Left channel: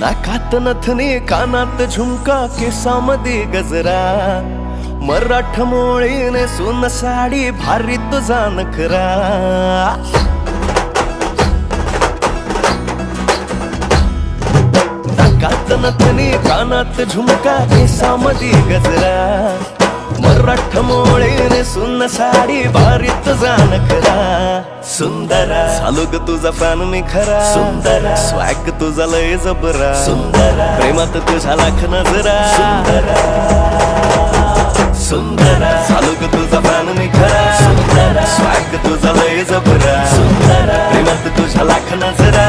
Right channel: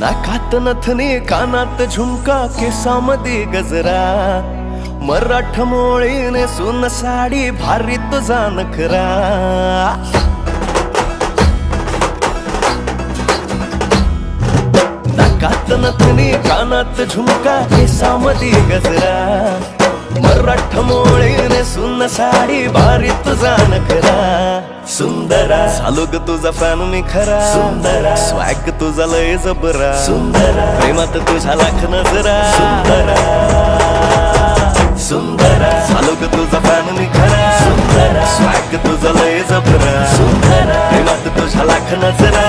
नाकात नथनी कानात झुमका केसामध्ये गजरा मराठ मोळीने सुन साडी भारी तुझा नखरा नाकात नथनी कानात झुमका केसामध्ये गजरा मराठ मोळीने सुन साडी भारी तुझा नखरा सुंदरा झालो ग तुझा फॅन मी खरा स्वॅग तुझा लय जबरा प्रेमात तुझा लाख नजरा सुंदरा झालो ग तुझा फॅन मी खरा स्वॅग तुझा लय जबरा प्रेमात तुझा लाख नजरा